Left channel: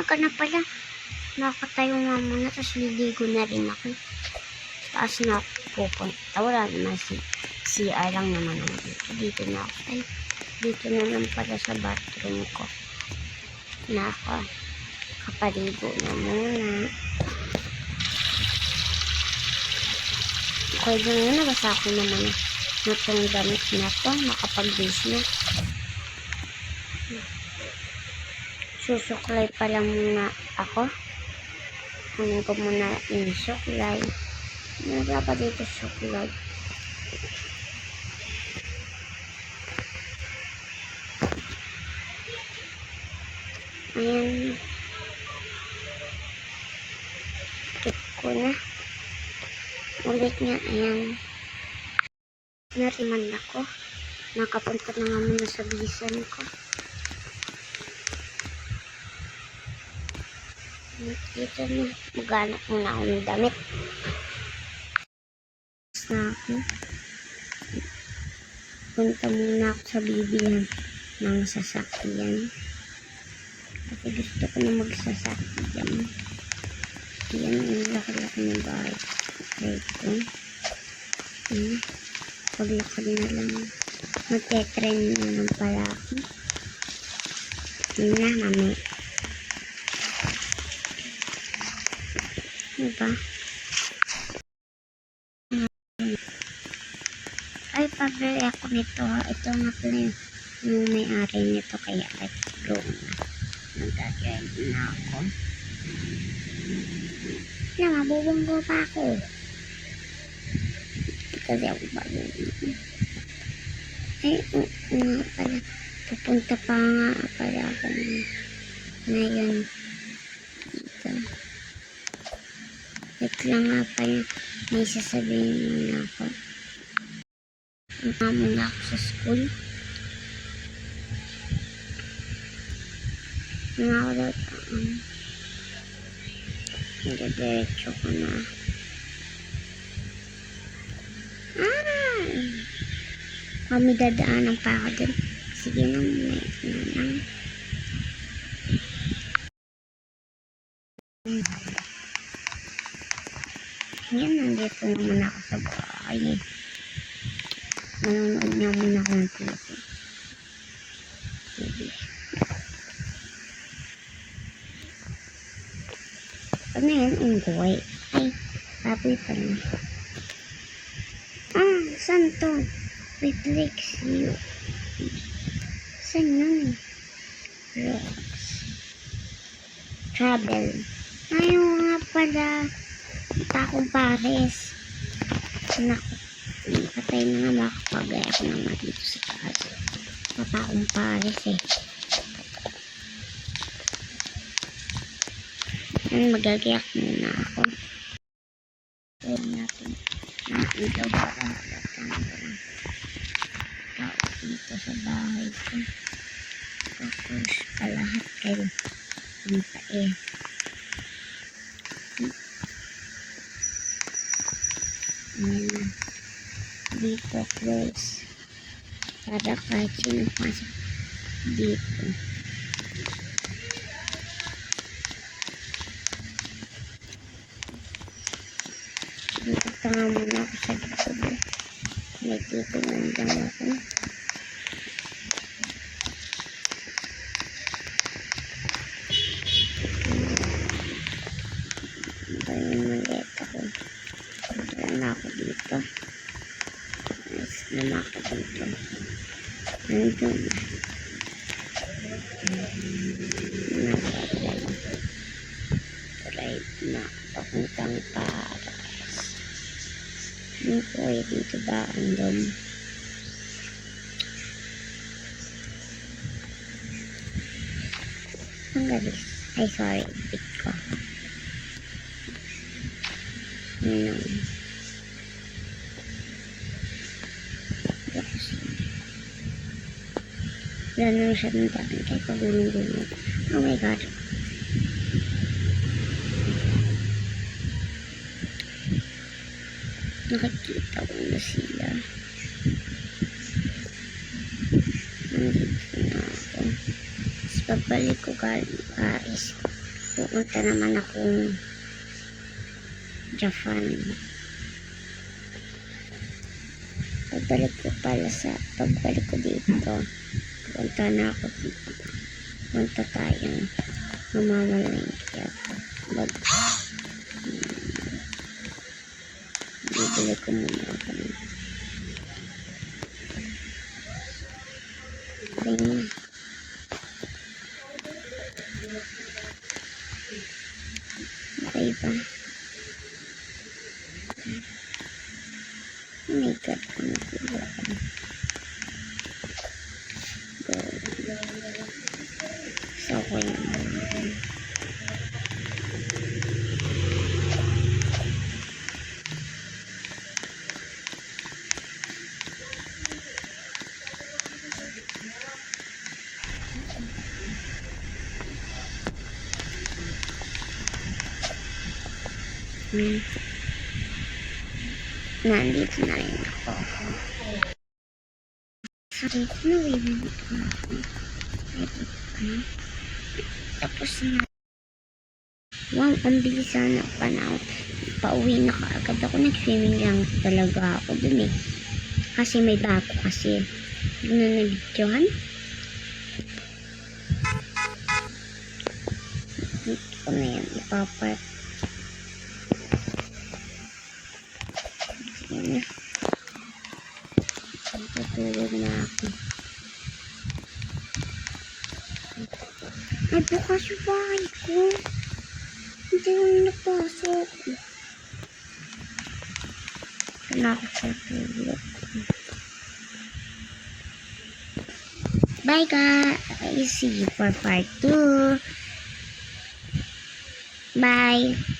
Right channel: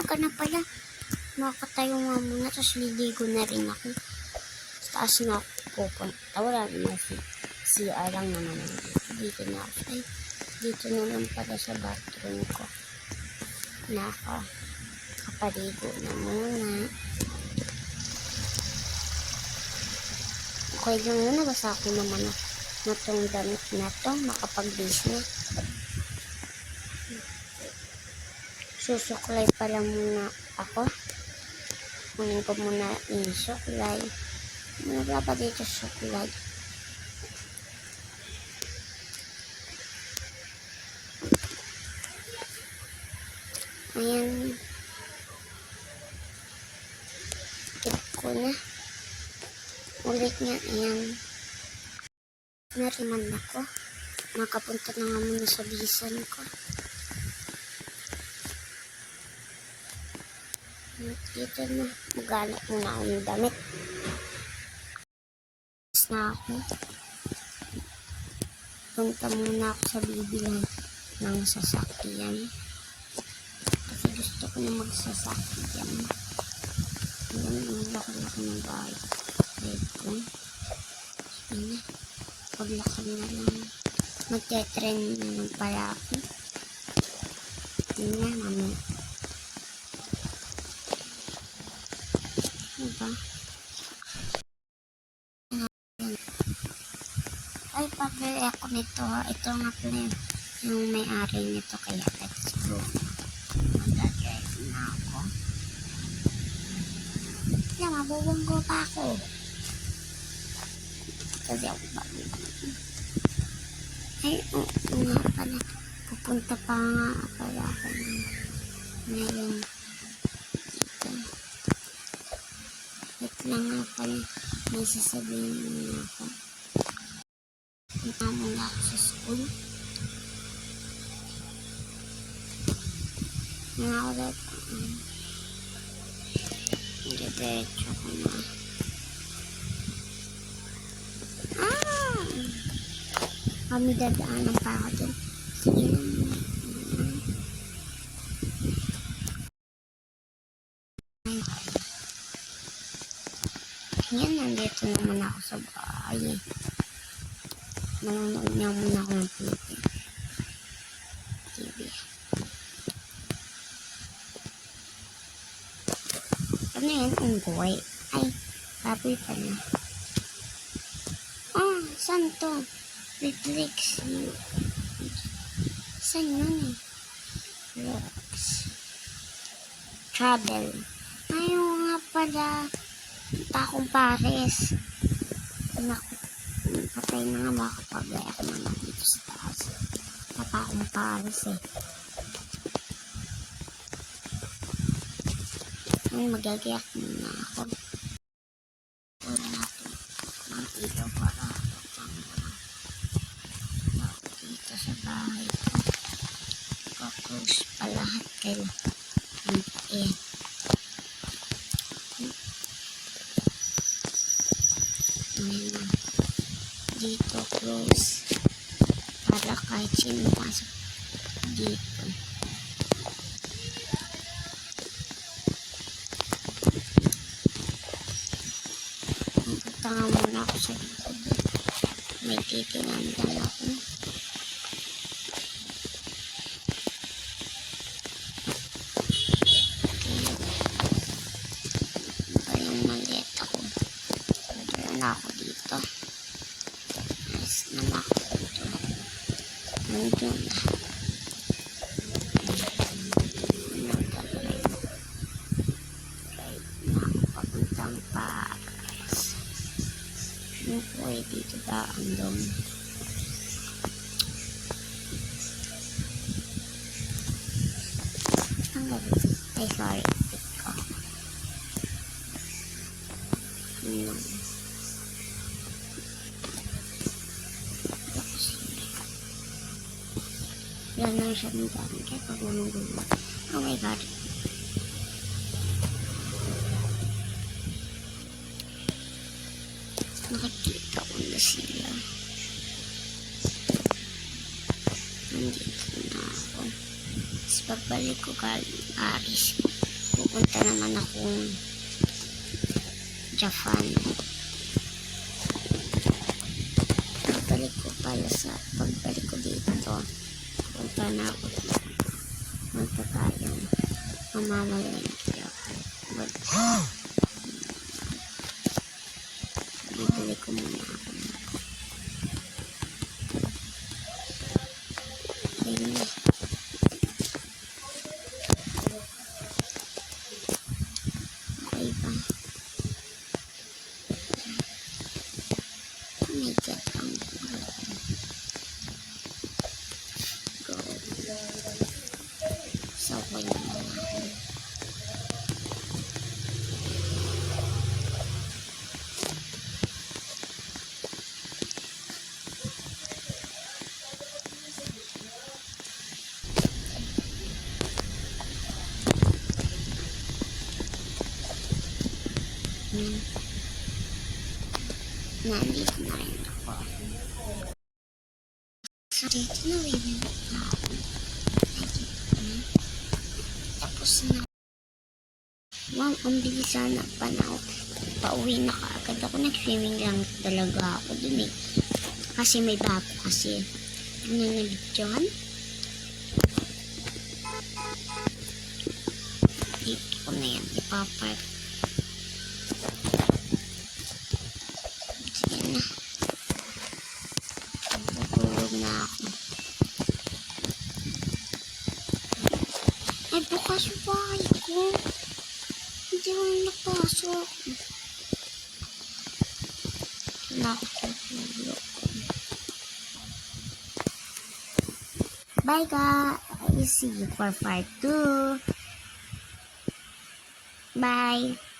maaga na pala. Nakatayo nga muna, tapos liligo na rin ako. Taas na ako pupunta. Wala naman CR lang naman ako. Dito na ako. Ay, dito na lang pala sa bathroom ko. Nakapaligo na muna. Okay lang na, nabasa ko naman na itong damit na ito. Makapag-bis na. Susuklay pa lang muna ako. Kunin ko muna yung suklay. Wala pa dito suklay. Ayan. Tip ko na. Ulit nga, ayan. Nariman ako. Nakapunta na nga muna sa bisan ko. Dito na. Maghanap muna ako ng damit. Na ako. Punta muna ako sa bibilan ng sasakyan. Kasi gusto ko na magsasakyan. Ayan, ang laki-laki ng bahay. Ito. Ayan. Paglakad na lang. Magte-trend na lang pala ako. Ayan na, mami. Diba? Ay, pabili ako nito. Ito nga pala yung may-ari nito. Kaya let's go na. Mag-drive na ako. Na, mabubunggo pa ako. Kasi ako balungo. Ay, nga pala. Pupunta pa nga pala ako ngayon dito. Wait lang nga pala. May sasabihin muna ako. Punta muna ako sa school. Ako daw diretso ko na. Kami dadaanan pa ako dun. Sige na muna. Yan, nandito naman ako sa bahay. Manonood niya muna ako ng TV. Ano yan? Unggoy. Ay, baboy pa na. Saan to? Reflex you. Saan yun eh? Rocks. Travel. Ayaw nga pala. Takong pares. Naku. Patay na nga, makapagay ako naman dito sa taas. Takong pares eh. Magagayak muna ako. Huwag natin makita ba dito sa bahay ko. Focus pa lahat kayo. Ang pain. Ayan na. Dito close. Para kahit sino pasok dito. Tanga muna ako sa likod. May titingan lang ako. Ito yung maleta ko. Dala na ako dito. Nice na makapunto. Nandiyon na. Drive na ako papuntang Paris. Yung kuway dito ba ang dom? Ang galing. Ay, sorry. Pick ko. Wala nang siya ng daan. Kaya pagulong-gulong. Oh my God. Nakikita ko na sila. Nandito na ako. Tapos pagbalik ko galing Paris. pupunta naman akong Japan. Pagbalik ko dito, punta na ako dito. Punta tayong mamamalengke ako. Bibili ko muna ako dito. Tingnan. Okay ba? Oh my God, ang gulo. Go. So, ako yung mga nandito na rin ako. So, dito na bibili ko ako. Dito na. Tapos na. Wow, ang bilis sana panahon. Pauwi na kaagad ako. Nag-swimming lang talaga ako dun eh. Kasi may bago kasi. Doon na nabidyohan. Dito ko na yan. Ipapark. Sige na. Tutulog na ako. Ay, bukas yung bahay ko. Hindi ako napasok. Kailangan ko tutulog. Bye guys. See you for part 2. Bye.